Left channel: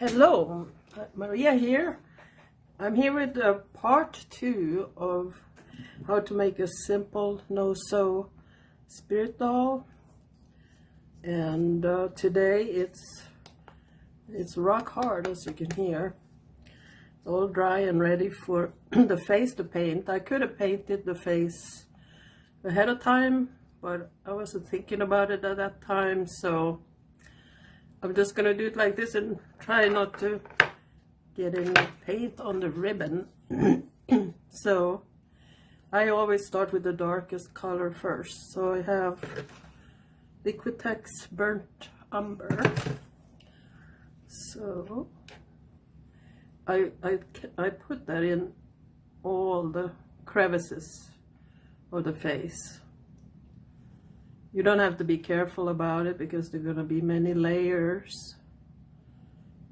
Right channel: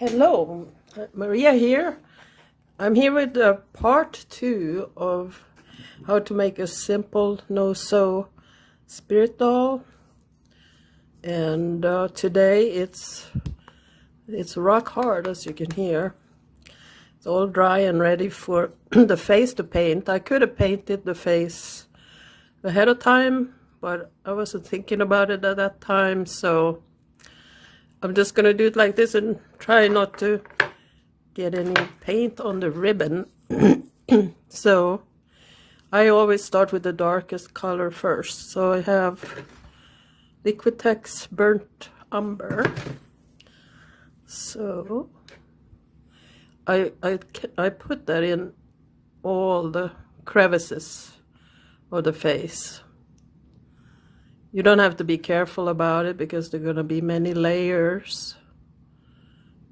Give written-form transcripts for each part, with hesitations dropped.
Hello, Maria here. I'm here with part 2 of how to make a simple no-sew spirit doll. And today it's rock hard, as you can hear. It's all dry and ready for the face to paint. I could have painted the face ahead of time, but I wasn't thinking about it at that time, so I'm just gonna do it like this and try not to get any paint on the ribbon. So I always start with the darkest color first. So I have Liquitex Burnt Umber. So I put that in all the crevices of the face. You don't have to be careful about it because there are going to be many layers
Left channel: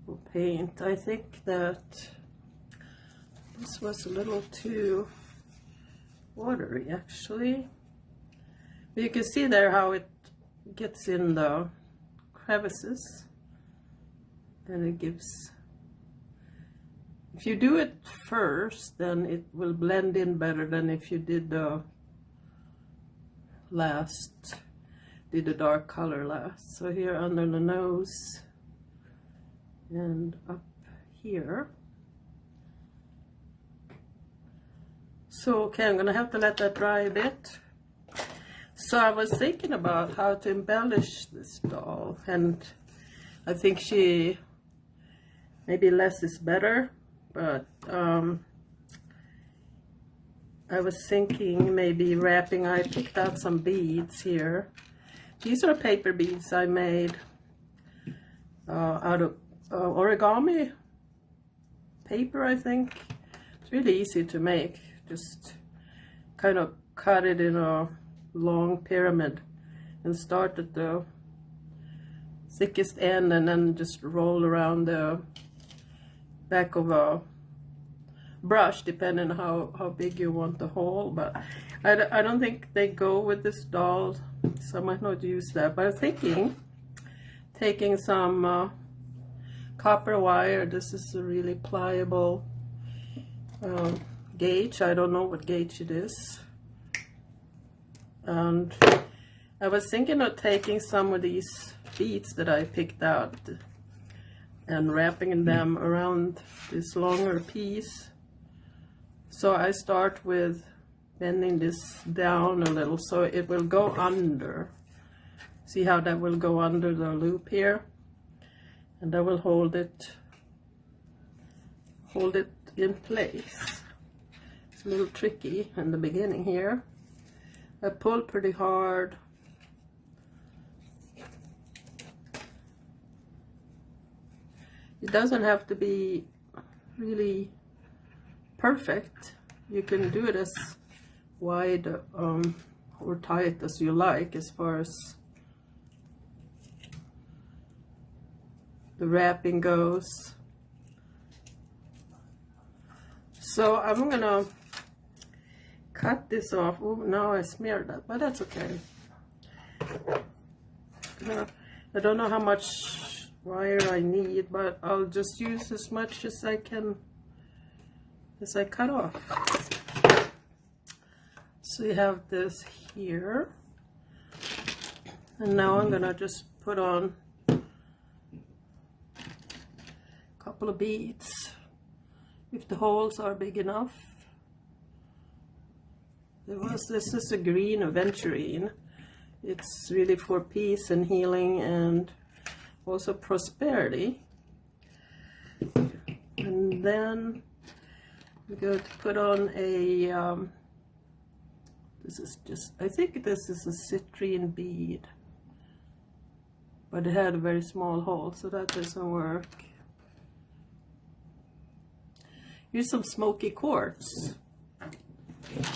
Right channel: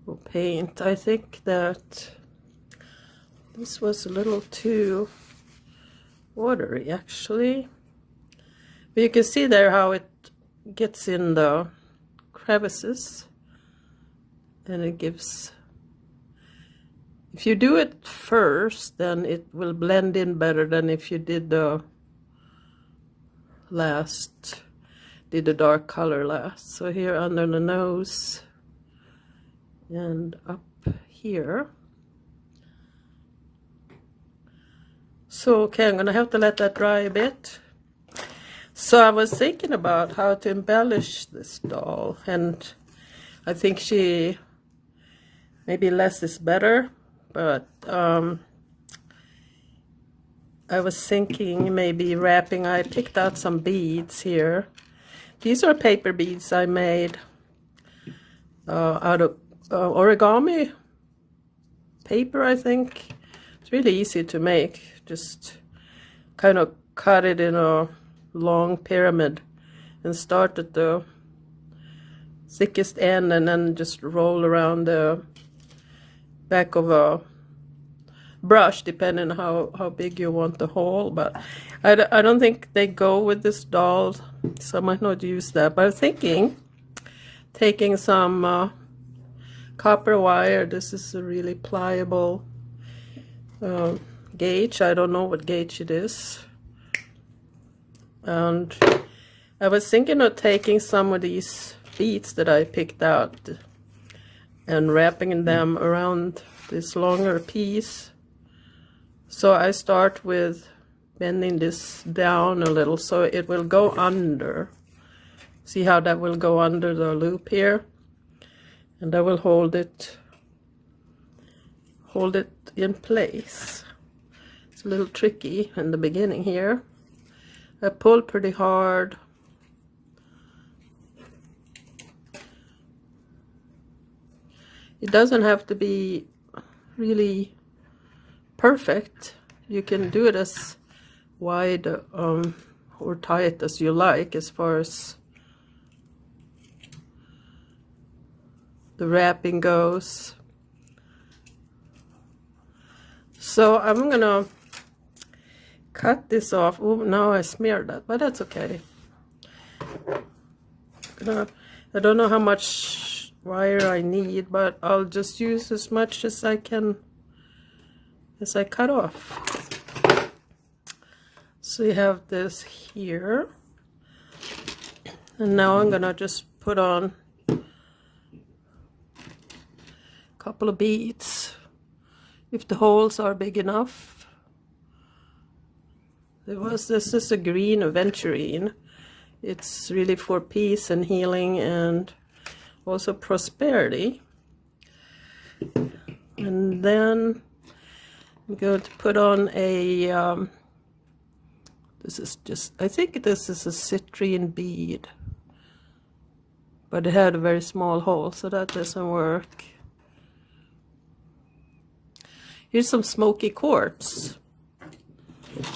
of paint. I think that this was a little too watery actually. But you can see there how it gets in the crevices, and it gives, if you do it first, then it will blend in better than if you did the dark color last. So here under the nose and up here. So okay, I'm gonna have to let that dry a bit. So I was thinking about how to embellish this doll, and I think maybe less is better, but I was thinking maybe wrapping. I picked out some beads here. These are paper beads I made out of origami paper, I think. It's really easy to make. Just kind of cut it in a long pyramid and start at the thickest end and then just roll around the back of a brush, depending on how big you want the hole. But I don't think they go with this doll, so I might not use that. But I'm thinking taking some copper wire. This is a really pliable gauge. I don't know what gauge it is. And I was thinking of taking some of these beads that I picked out and wrapping them around this longer piece. So I start with bending this down a little so it will go under. See how that will go under the loop here? And I will hold it in place. It's a little tricky in the beginning here. I pull pretty hard. It doesn't have to be really perfect. You can do it as wide or tight as you like as far as the wrapping goes. So I'm gonna cut this off. Oh, now I smeared that, but that's okay. I don't know how much wire I need, but I'll just use as much as I can as I cut off. So you have this here, and now I'm gonna just put on a couple of beads if the holes are big enough. This is a Greene aventurine. It's really for peace and healing and also prosperity. And then I'm going to put on a this is just, I think this is a citrine bead, but it had a very small hole, so that doesn't work. Here's some smoky quartz.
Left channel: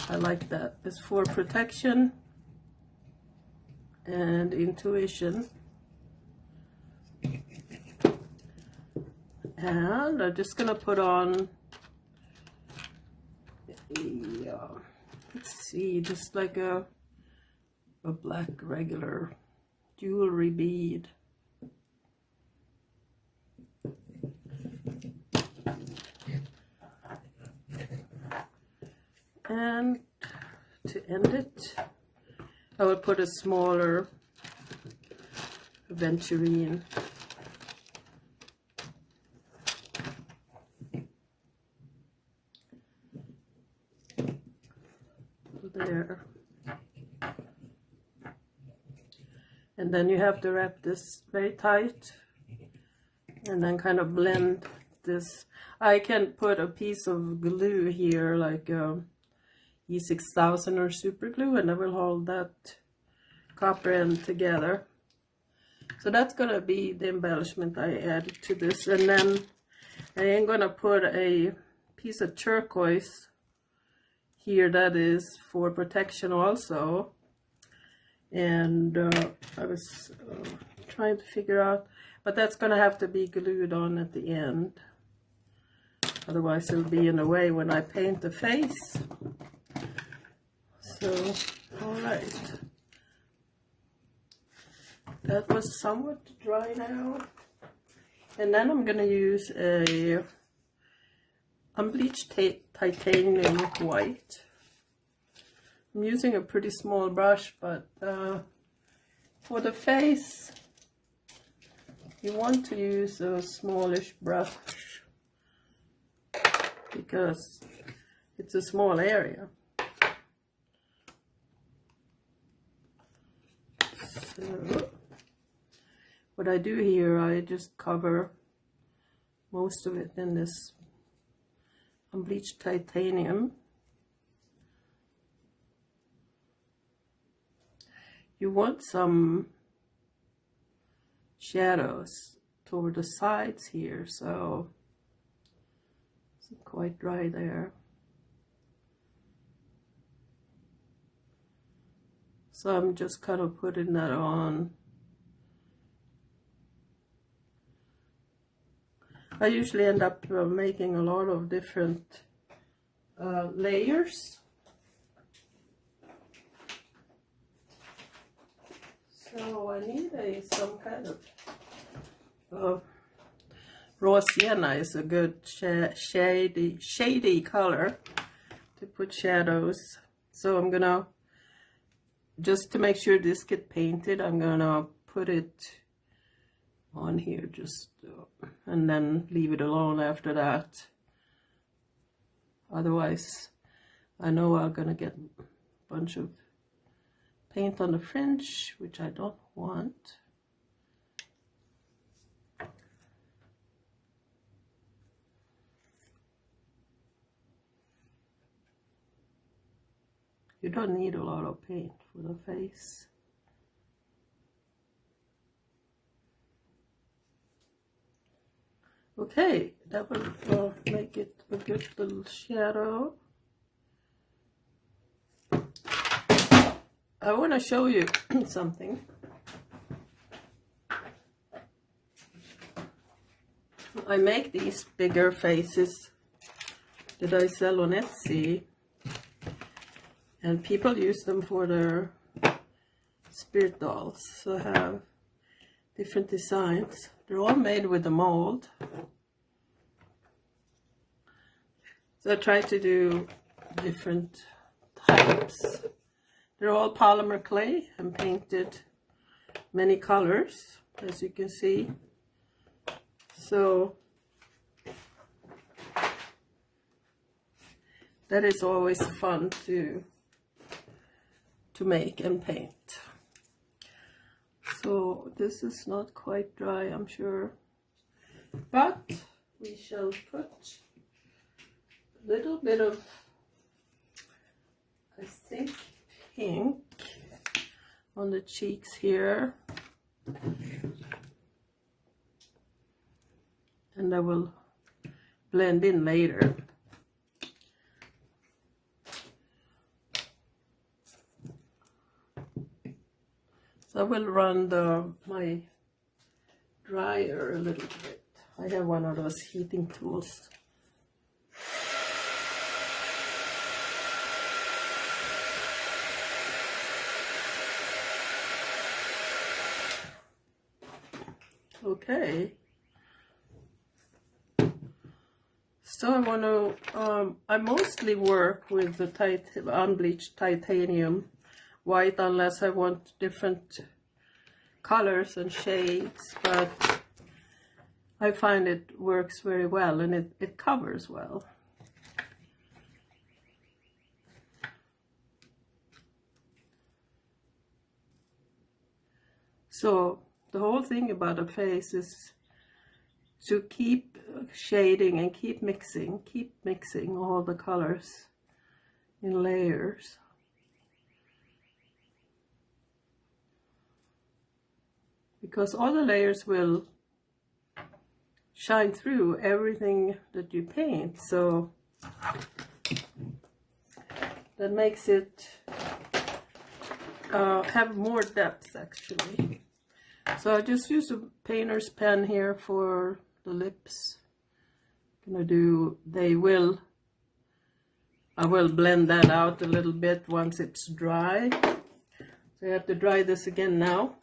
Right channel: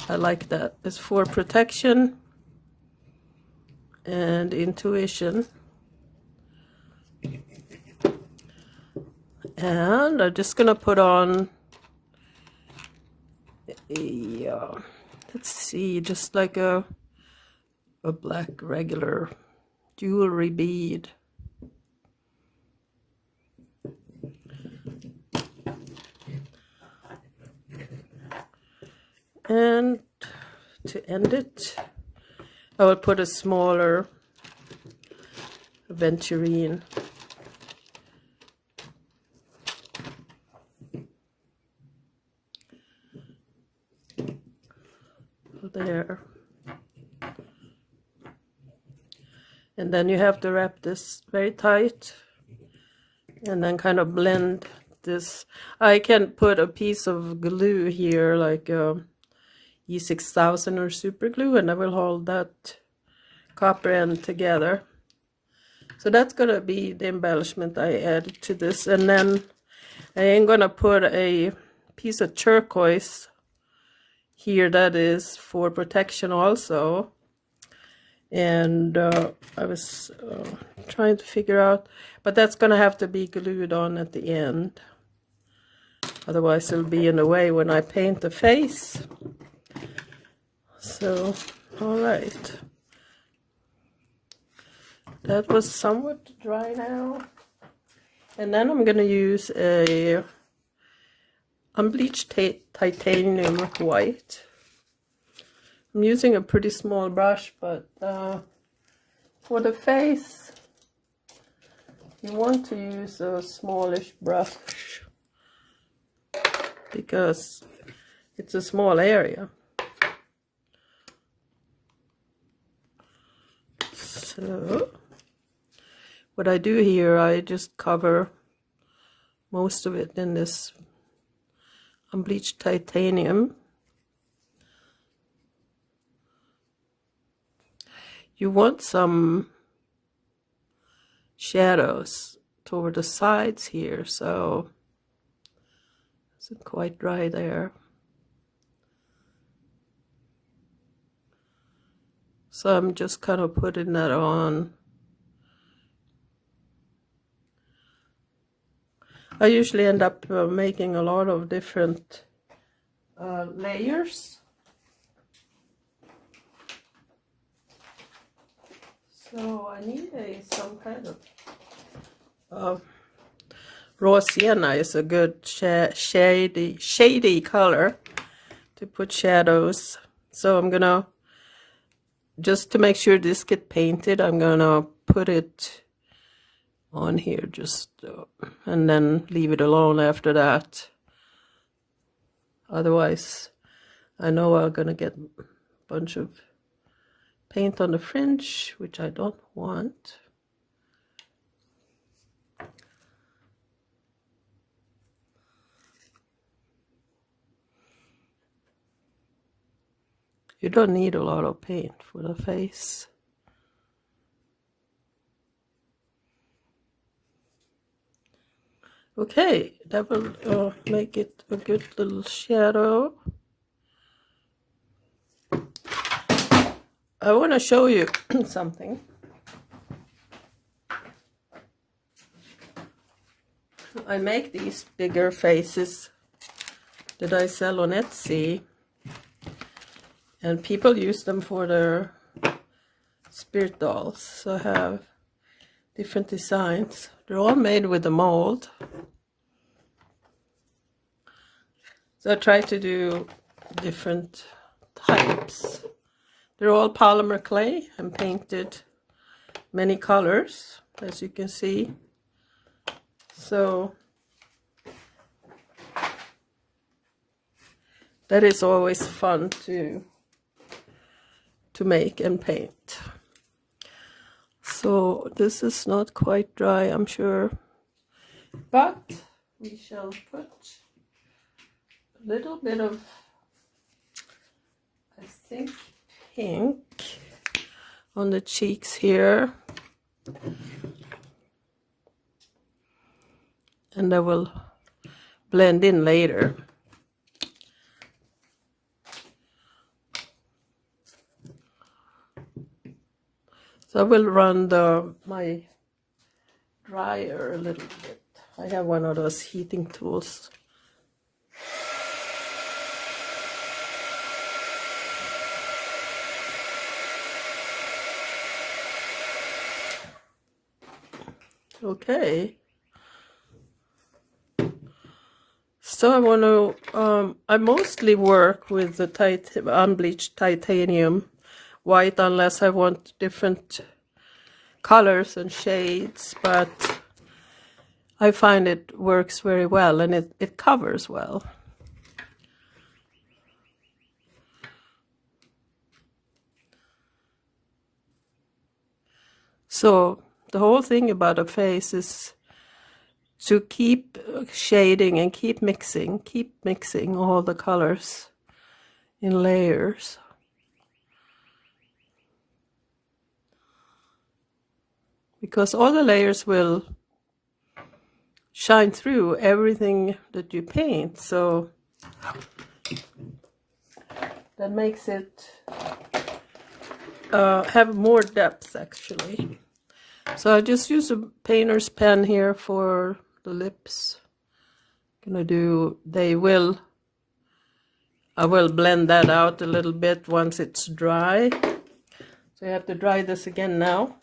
I like that. It's for protection and intuition. And I'm just gonna put on a let's see, just like a black regular jewelry bead. And to end it, I will put a smaller aventurine. There. And then you have to wrap this very tight and then kind of blend this. I can put a piece of glue here, like E6000 or super glue, and I will hold that copper end together. So that's gonna be the embellishment I add to this. And then I am gonna put a piece of turquoise here that is for protection also. And I was trying to figure out, but that's gonna have to be glued on at the end, otherwise it'll be in the way when I paint the face. So all right, that was somewhat dry now. And then I'm gonna use a unbleached titanium white. I'm using a pretty small brush, but for the face, you want to use a smallish brush because it's a small area. So what I do here, I just cover most of it in this unbleached titanium. You want some shadows toward the sides here, so it's quite dry there. So I'm just kind of putting that on. I usually end up making a lot of different layers. So I need some kind of raw sienna is a good shady color to put shadows. So I'm gonna, just to make sure this get painted, I'm gonna put it on here just and then leave it alone after that. Otherwise I know I'm gonna get a bunch of paint on the fringe, which I don't want. You don't need a lot of paint for the face. Okay, that will make it a good little shadow. I want to show you something. I make these bigger faces that I sell on Etsy, and people use them for their spirit dolls. So I have different designs. They're all made with a mold. So I try to do different types. They're all polymer clay and painted many colors, as you can see. So that is always fun to make and paint. So this is not quite dry, I'm sure, but we shall put a little bit of, I think, pink on the cheeks here, and I will blend in later. So I will run my dryer a little bit. I have one of those heating tools. Okay. So I want to, I mostly work with the unbleached titanium white unless I want different colors and shades, but I find it works very well and it covers well. So the whole thing about a face is to keep shading and keep mixing all the colors in layers. Because all the layers will shine through everything that you paint, so that makes it have more depth actually. So I just use a painter's pen here for the lips. Gonna do, I will blend that out a little bit once it's dry. So I have to dry this again now.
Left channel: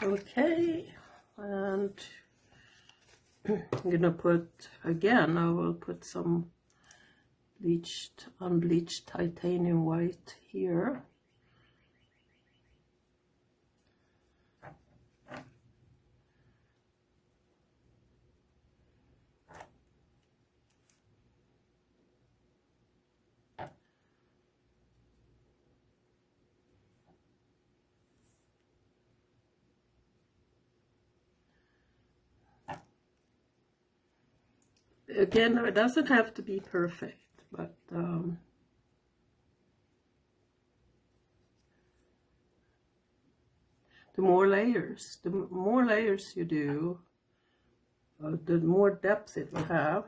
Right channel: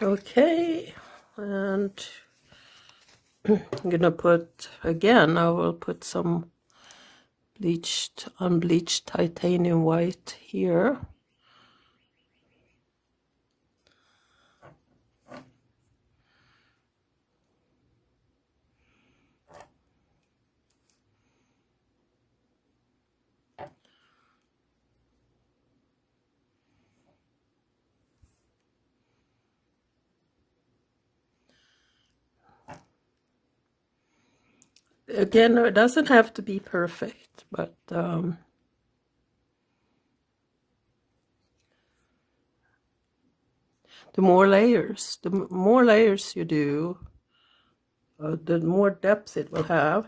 Okay, and I'm gonna put, again, I will put some unbleached titanium white here. Again, it doesn't have to be perfect, but the more layers you do, the more depth it will have.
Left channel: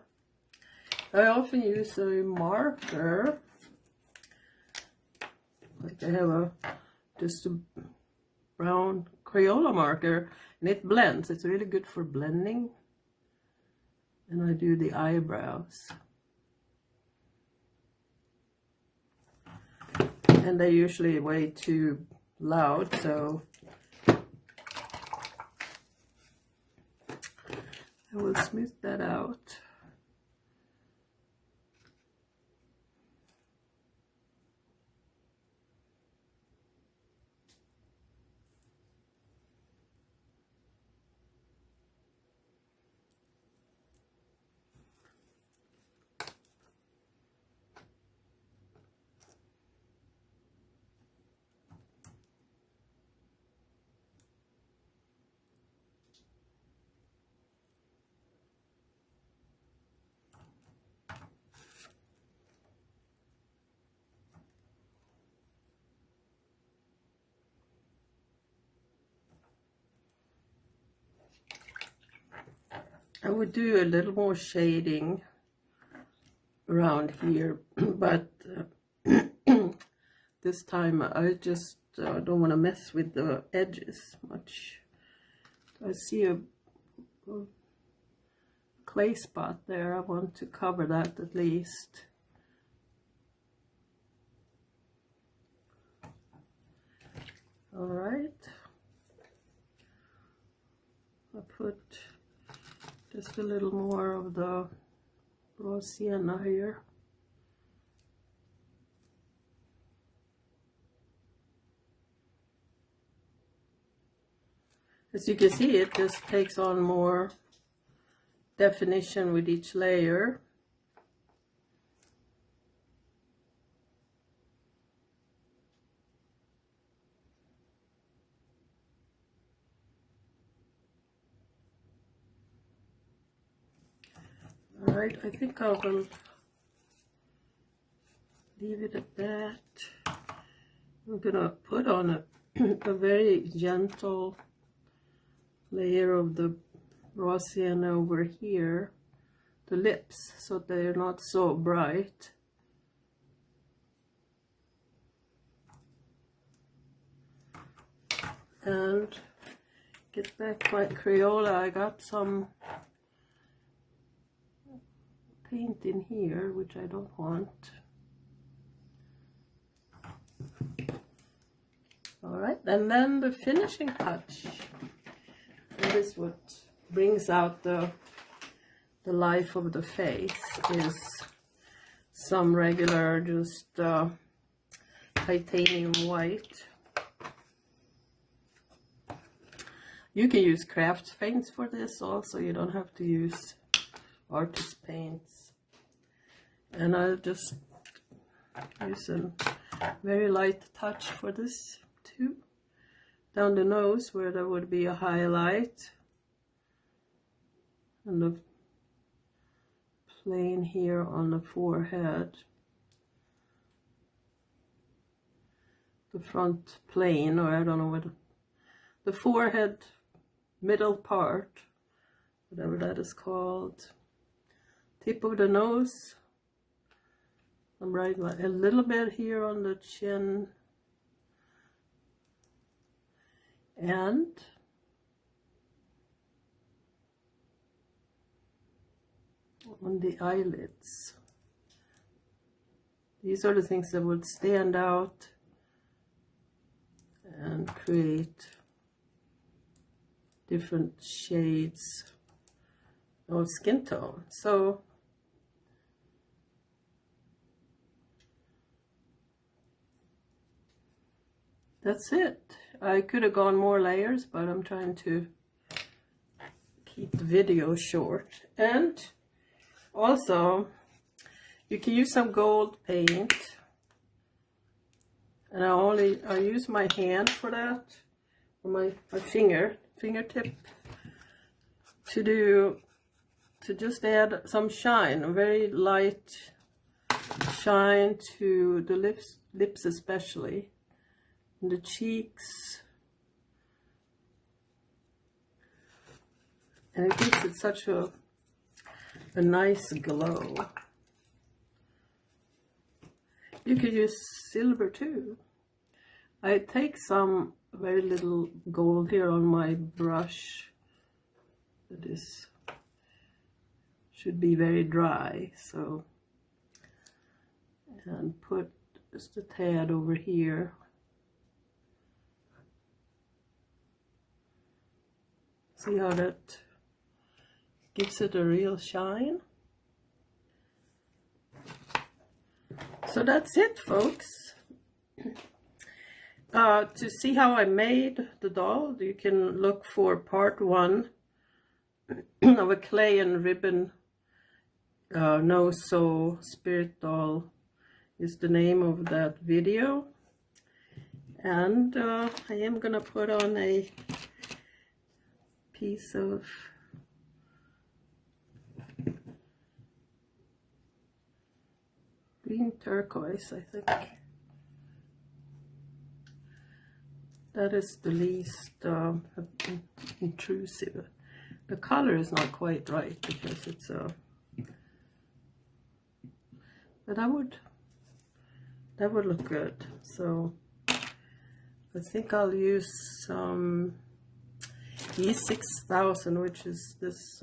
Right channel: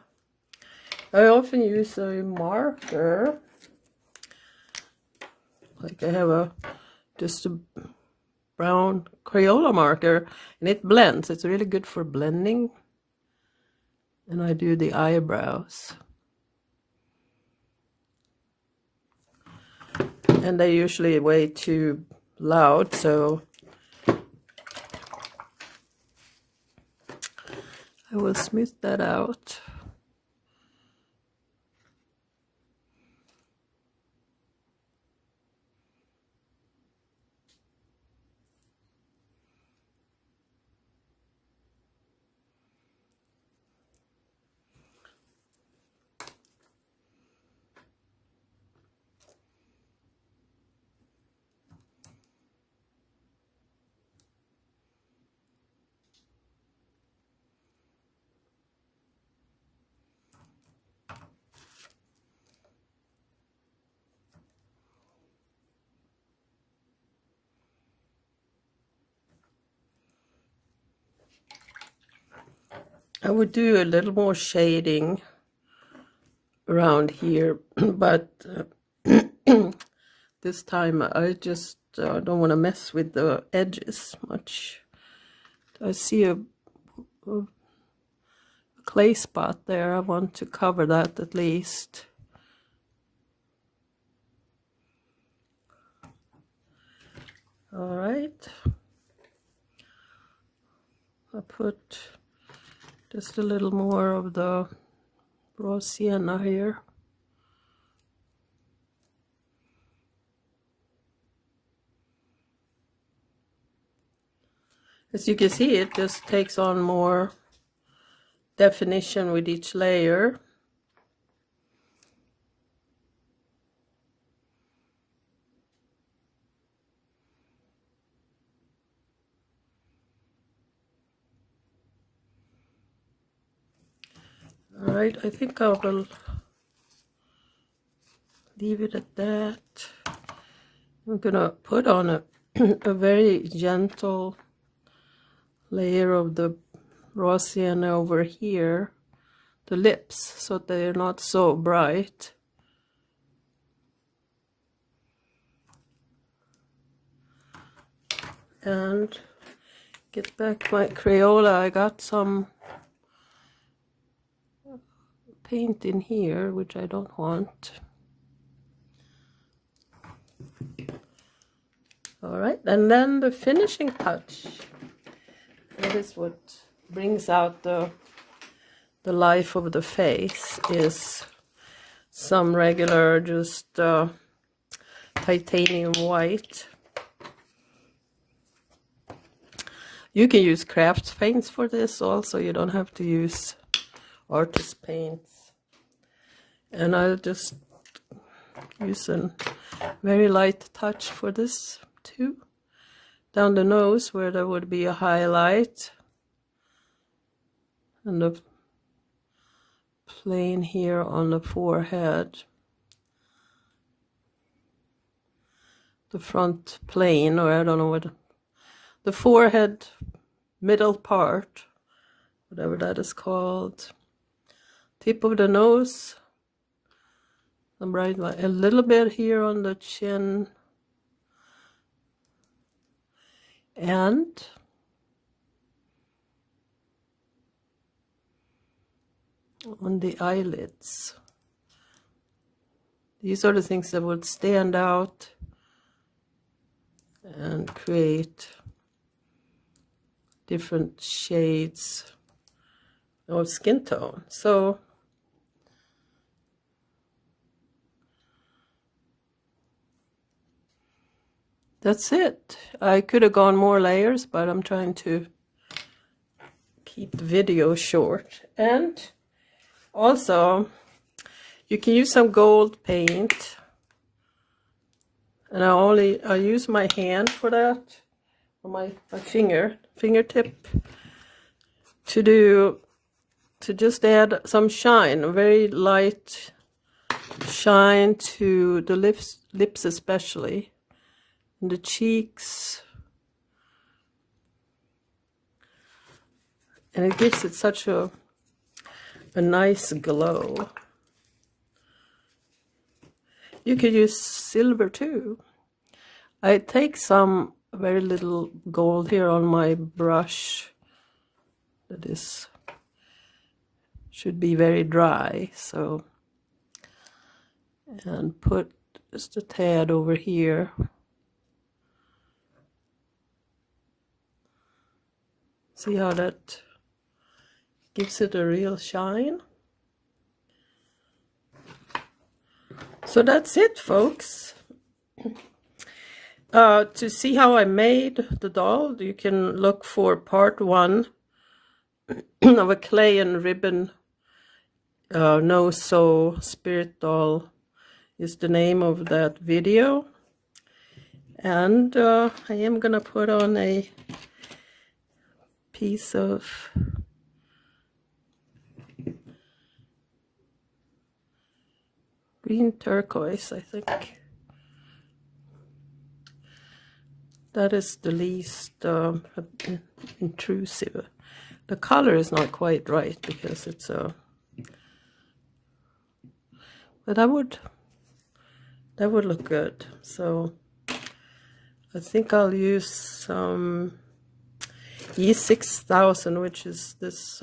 I often use a marker, like I have just a brown Crayola marker, and it blends. It's really good for blending. And I do the eyebrows. And they're usually way too loud, so I will smooth that out. I would do a little more shading around here, but this time I just don't want to mess with the edges much. I see a clay spot there. I want to cover that at least. All right. I put just a little more of the raw sienna here. As you can see, it just takes on more definition with each layer. All right, I think I will leave it at that. I'm gonna put on a very gentle layer of the raw sienna over here, the lips, so they're not so bright. And get back my Crayola. I got some paint in here, which I don't want. All right, and then the finishing touch. That is what brings out the life of the face, is some regular just titanium white. You can use craft paints for this also. You don't have to use artist paints. And I'll just use a very light touch for this too. Down the nose where there would be a highlight. And the plane here on the forehead. The front plane, or I don't know what, the forehead middle part, whatever that is called. Tip of the nose. I'm right, a little bit here on the chin. And on the eyelids. These are the things that would stand out and create different shades of skin tone. So that's it. I could have gone more layers, but I'm trying to keep the video short. And also, you can use some gold paint. And I use my hand for that, or my fingertip, to just add some shine, a very light shine to the lips especially, and the cheeks. And it gives it such a nice glow. You could use silver too. I take some very little gold here on my brush. That is, should be very dry, so, and put just a tad over here. See how that gives it a real shine? So that's it, folks. To see how I made the doll, you can look for part 1 of a clay and ribbon no sew spirit doll is the name of that video. And I am gonna put on a piece of green turquoise, I think. That is the least intrusive. The color is not quite right because it's a, but that would look good. So I think I'll use some E6000, which is this,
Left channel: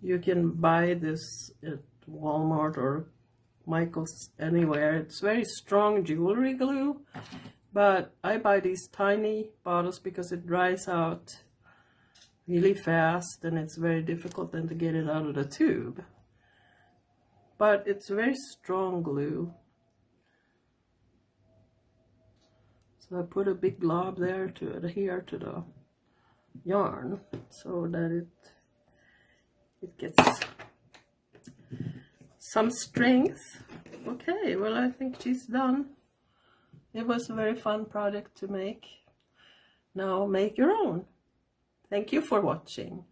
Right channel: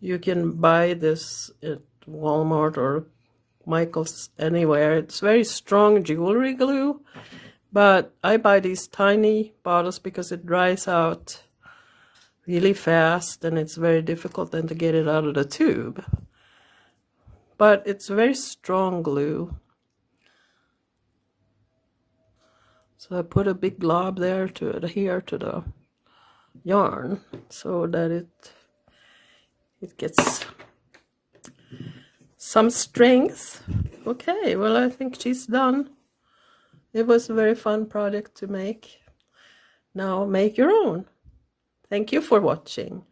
you can buy this at Walmart or Michael's, anywhere. It's very strong jewelry glue, but I buy these tiny bottles because it dries out really fast and it's very difficult then to get it out of the tube. But it's very strong glue. So I put a big glob there to adhere to the yarn so that it gets some strength. Okay, well, I think she's done. It was a very fun project to make. Now make your own. Thank you for watching.